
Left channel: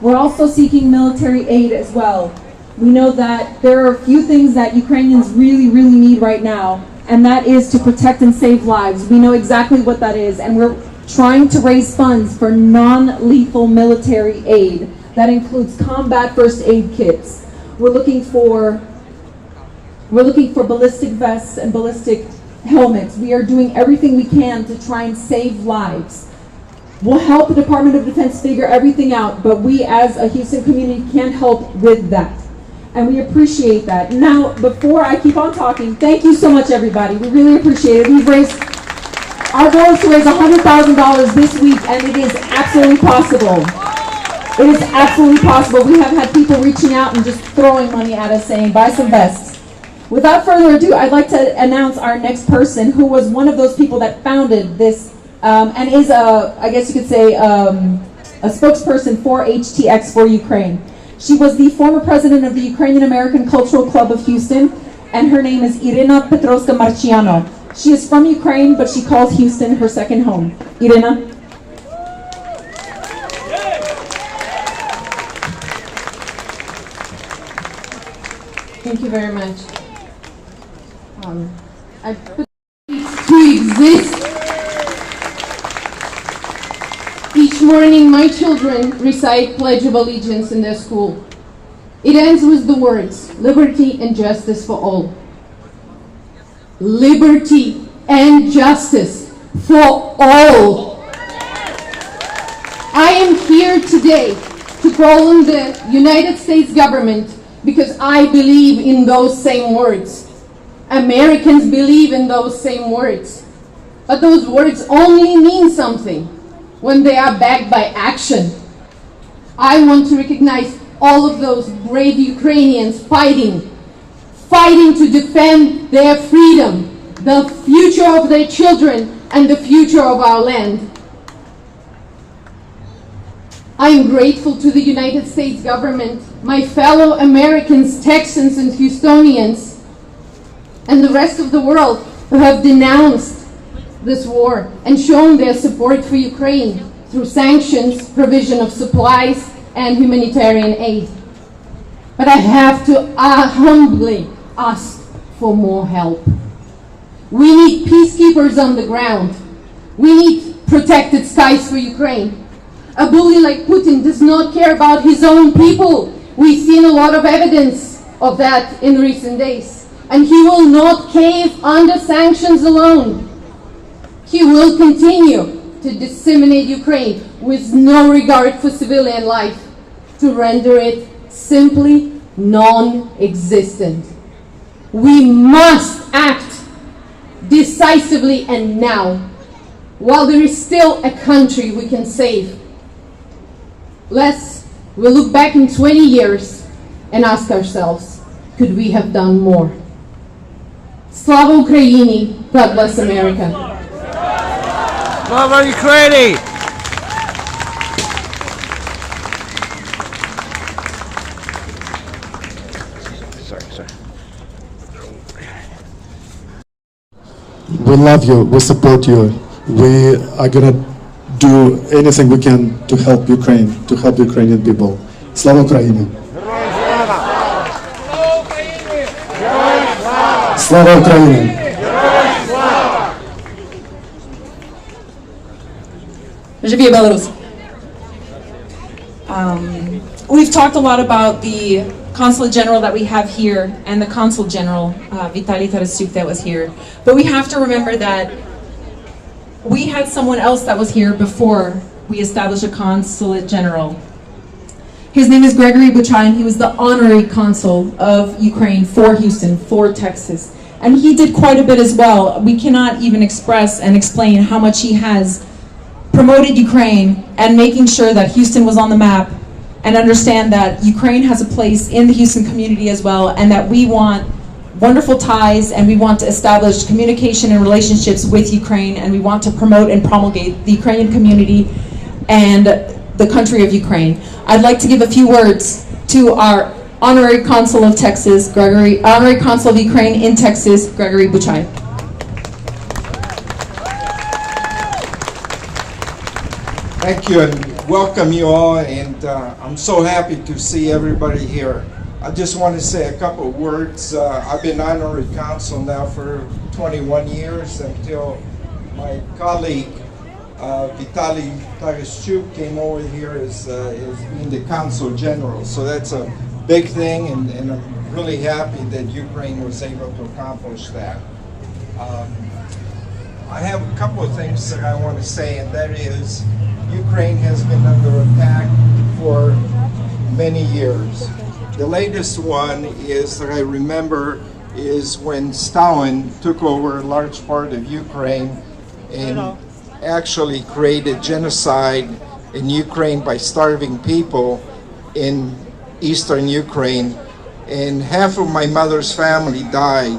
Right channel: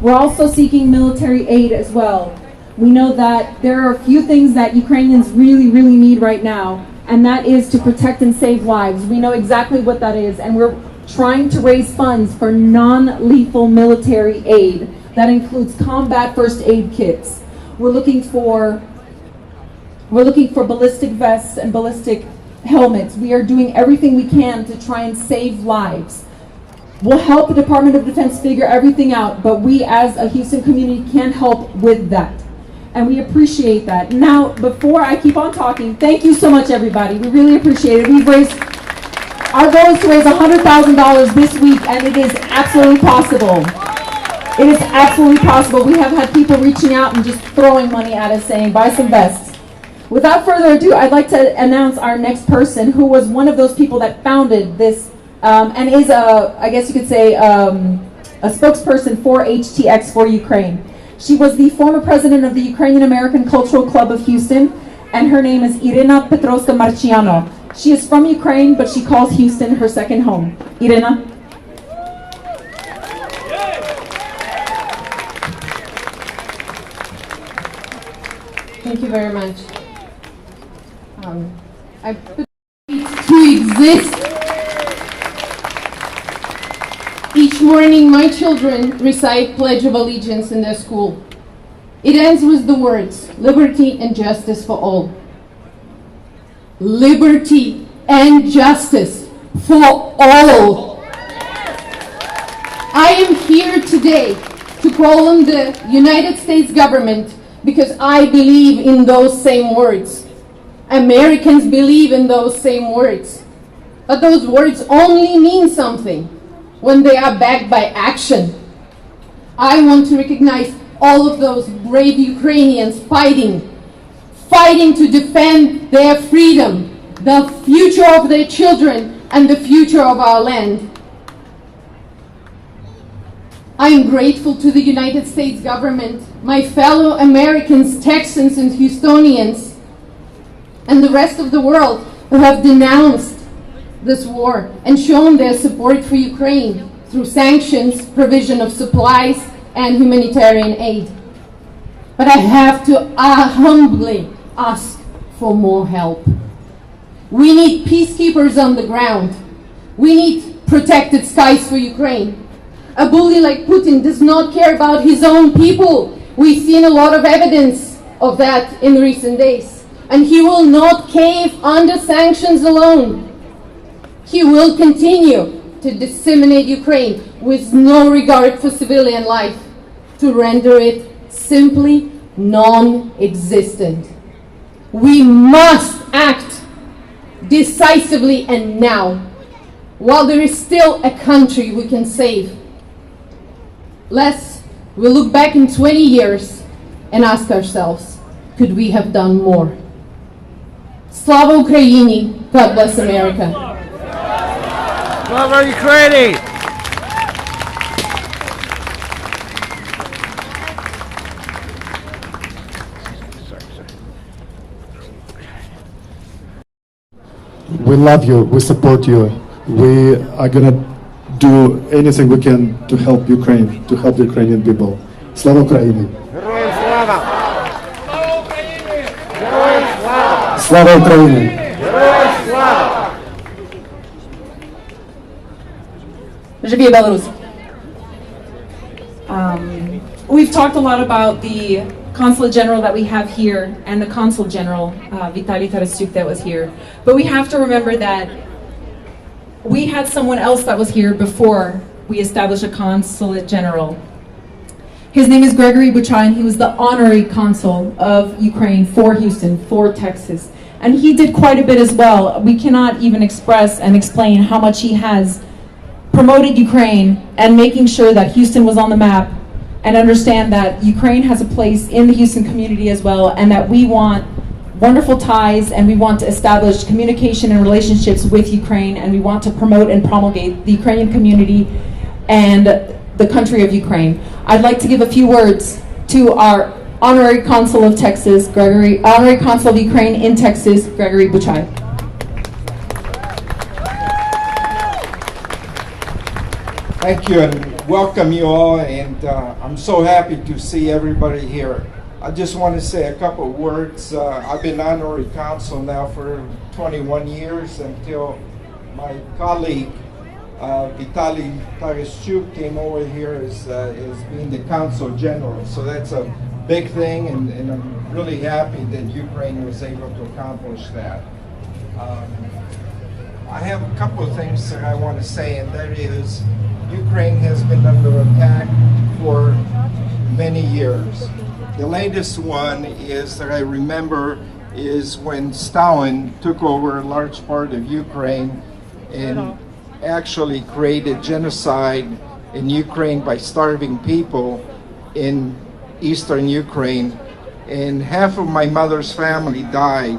We're also seeking military aid as well. We know that there are a few things that Ukrainians really, really need right now, and that is to protect and save lives. We know exactly what that is, and we're trying to raise funds for non-lethal military aid. That includes combat first aid kits. We're looking for ballistic vests and ballistic helmets. We are doing everything we can to try and save lives. We'll help the Department of Defense figure everything out, but we as a Houston community can help with that. And we appreciate that. Now, before I keep on talking, thank you so much, everybody. We really appreciate it. Our goal is to raise $100,000 this week, and it is absolutely possible. It is absolutely possible. We have had people reaching out and just throwing money at us saying, buy some vests. Without further ado, I'd like to announce our next person, who was one of those people that founded this, and is I guess you could say, a spokesperson for HTX for Ukraine. She was the former president of the Ukrainian American Cultural Club of Houston, and her name is Irina Petrovska-Marchiano. She is from Ukraine, but she calls Houston her second home. Irina? Thank you very much. I put to exist. Each morning, my children recite Pledge of Allegiance in their school. It ends with the words, liberty and justice for all. Liberty and justice for all. I am here today to call on the United States government because I believe in those same words. Americans believe in those same words. But those words only mean something when they are backed by action. I want to recognize all of those brave Ukrainians fighting to defend their freedom, the future of their children, and the future of our land. I am grateful to the United States government, my fellow Americans, Texans, and Houstonians, and the rest of the world who have denounced this war and shown their support for Ukraine through sanctions, provision of supplies, and humanitarian aid. But I have to humbly ask for more help. We need peacekeepers on the ground. We need protected skies for Ukraine. A bully like Putin does not care about his own people. We've seen a lot of evidence of that in recent days. And he will not cave under sanctions alone. He will continue to disseminate Ukraine with no regard for civilian life, to render it simply non-existent. We must act decisively and now, while there is still a country we can save. Lest we look back in 20 years and ask ourselves, could we have done more? Slava Ukraini, God bless America. Slava Ukraini! We love you, we support you. we are gonna do anything we can to help Ukraine, to help the Ukrainian people. Slava Ukraini! Slava Ukraini! Живи Беларусь! We've talked a lot about the Consulate General that we have here and the Consul General, Vitaly Tarasyuk, that was here. But we have to remember that we had someone else that was here before we established a Consulate General. His name is Gregory Buchai, and he was the honorary consul of Ukraine for Houston, for Texas. And he did quite a bit as well. We cannot even express and explain how much he has promoted Ukraine and making sure that Houston was on the map, and understand that Ukraine has a place in the Houston community as well, and that we want wonderful ties, and we want to establish communication and relationships with Ukraine, and we want to promote and promulgate the Ukrainian community and the country of Ukraine. I'd like to give a few words to our honorary consul of Texas, honorary consul of Ukraine in Texas, Gregory Buchai. Thank you, and welcome you all, and I'm so happy to see everybody here. I just want to say a couple of words. I've been honorary consul now for 21 years until my colleague Vitaly Tarasyuk came over here as being the consul general. So that's a big thing, and I'm really happy that Ukraine was able to accomplish that. I have a couple of things that I want to say, and that is Ukraine has been under attack for many years. The latest one is that I remember is when Stalin took over a large part of Ukraine and actually created genocide in Ukraine by starving people in eastern Ukraine, and half of my mother's family died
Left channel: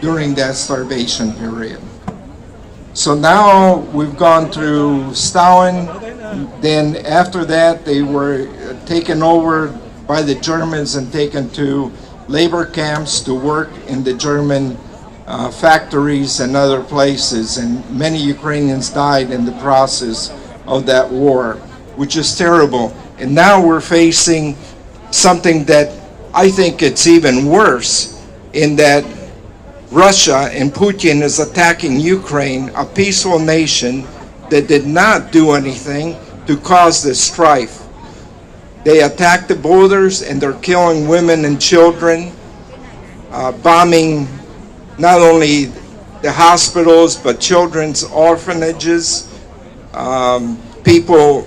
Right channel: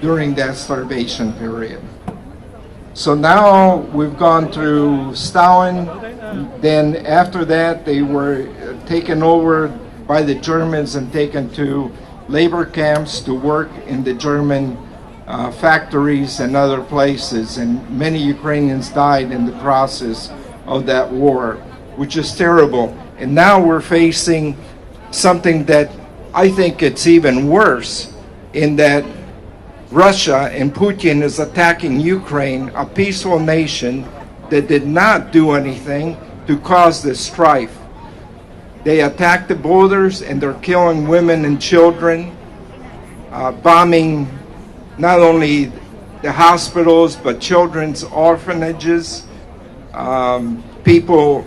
during that starvation period. So now we've gone through Stalin, then after that they were taken over by the Germans and taken to labor camps to work in the German factories and other places, and many Ukrainians died in the process of that war, which is terrible. And now we're facing something that I think it's even worse, in that Russia and Putin is attacking Ukraine, a peaceful nation that did not do anything to cause this strife. They attack the borders and they're killing women and children, bombing not only the hospitals but children's orphanages, people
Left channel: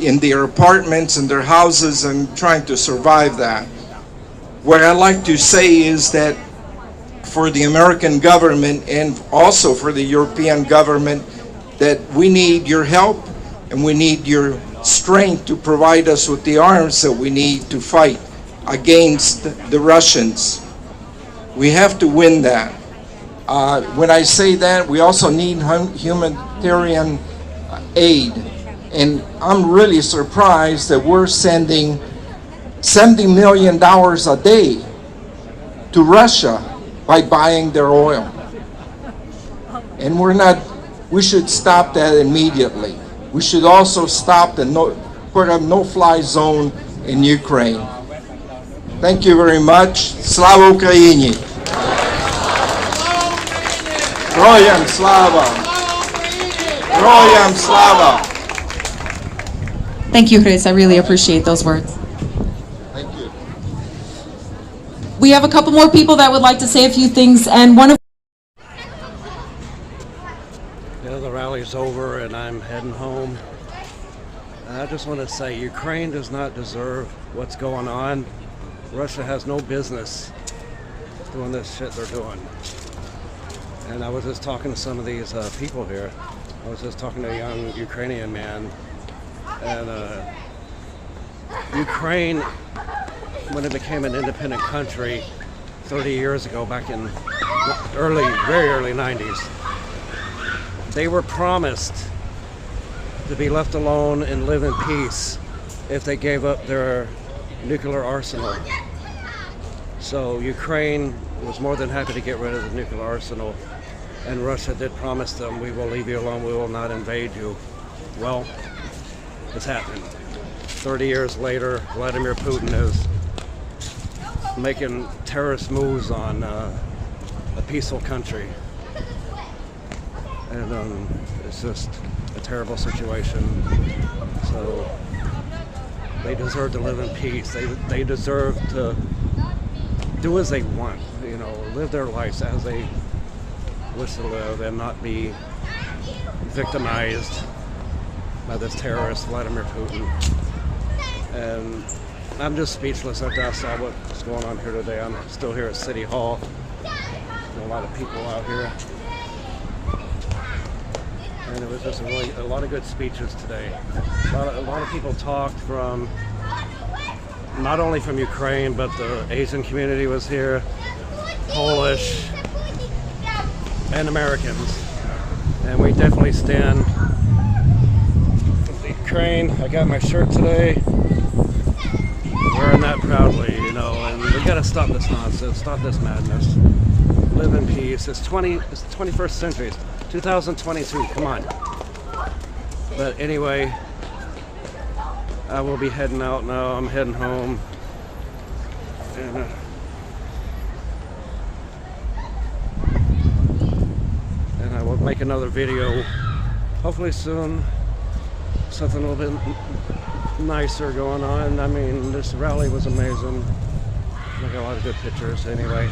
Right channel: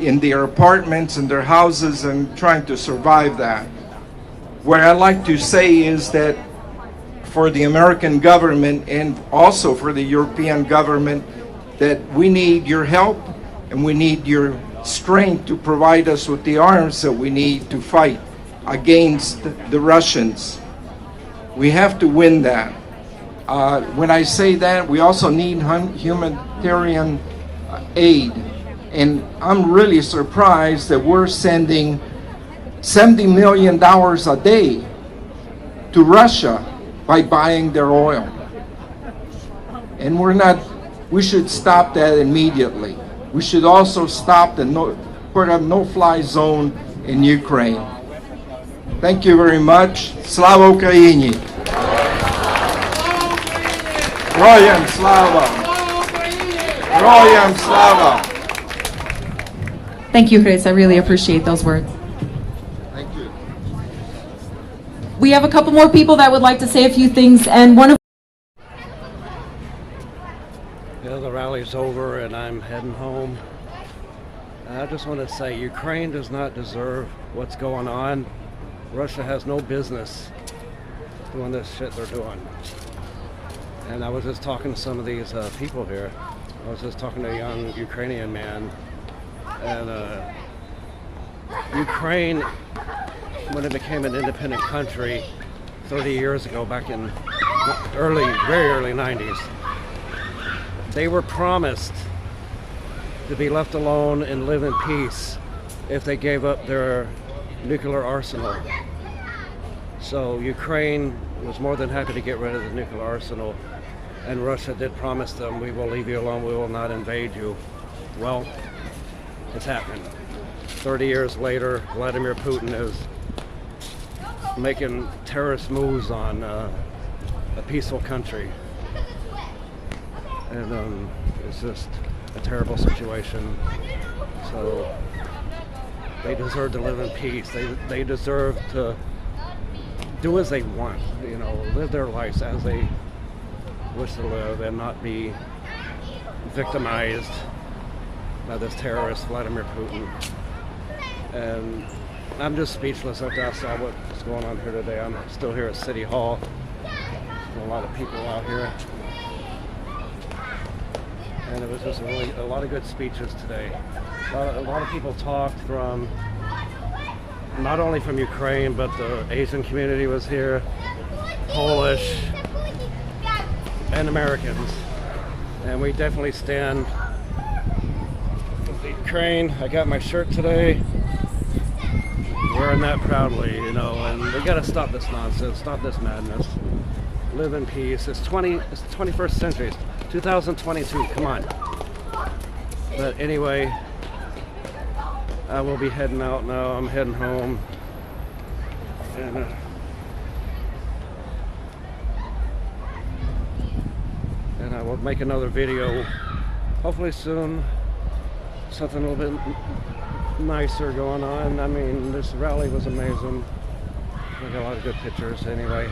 in their apartments and their houses, and trying to survive that. What I like to say is that for the American government and also for the European government, that we need your help and we need your strength to provide us with the arms that we need to fight against the Russians. We have to win that. When I say that, we also need humanitarian aid. And I'm really surprised that we're sending $70 million a day to Russia by buying their oil. And we should stop that immediately. We should also stop put a no-fly zone in Ukraine. Thank you very much. Slava Ukraini! Героям слава! Героям слава! Thank you, Chris. I really appreciate those words. Thank you. We have a couple more people that would like to say a few things, and one of The rally's over and I'm heading home. I just want to say Ukraine does not deserve what's going on. Russia has no business doing this shit they're doing. And I was just talking to some of these people here. I was just talking to a young Ukrainian man, and Ukraine, when it became an independent country 30 years ago, back in very early 90s, they were promised to be left alone and live in peace if they gave up their nuclear arsenal. So Ukraine was more than happy to get rid of the nuclear arsenal. And Russia did promise them, we will leave you alone, we will not invade you. Well, it's happening. 30 years later, Vladimir Putin is making terrorist moves on a peaceful country. And it's just a terrible situation. So they deserve to live in peace. They deserve to do as they want, you know, live their lives as they wish to live and not be victimized by this terrorist, Vladimir Putin. And I'm just speechless after I saw what's going on here today. I'm still here at City Hall. A lot of people out here. And it was just a lot of good speeches today. A lot of people talked from, not only from Ukraine, but the Asian community was here, Polish, and Americans. And we definitely stand with Ukraine. I got my shirt today, wearing that proudly, you know, and we gotta stop this nonsense, stop this madness. Live in peace. It's the 21st century. It's 2022. Come on. But anyway, I will be heading out now. I'm heading home. And I will make another video hopefully soon. Something a little bit nicer going on. I mean, this rally was amazing. I got a lot of good pictures anyway.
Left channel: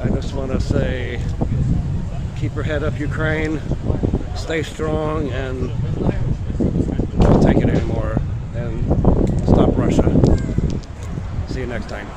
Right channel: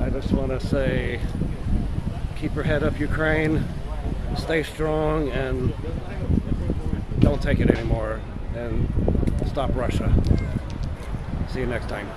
I just want to say, keep your head up, Ukraine. Stay strong and don't take it anymore. And stop Russia. See you next time.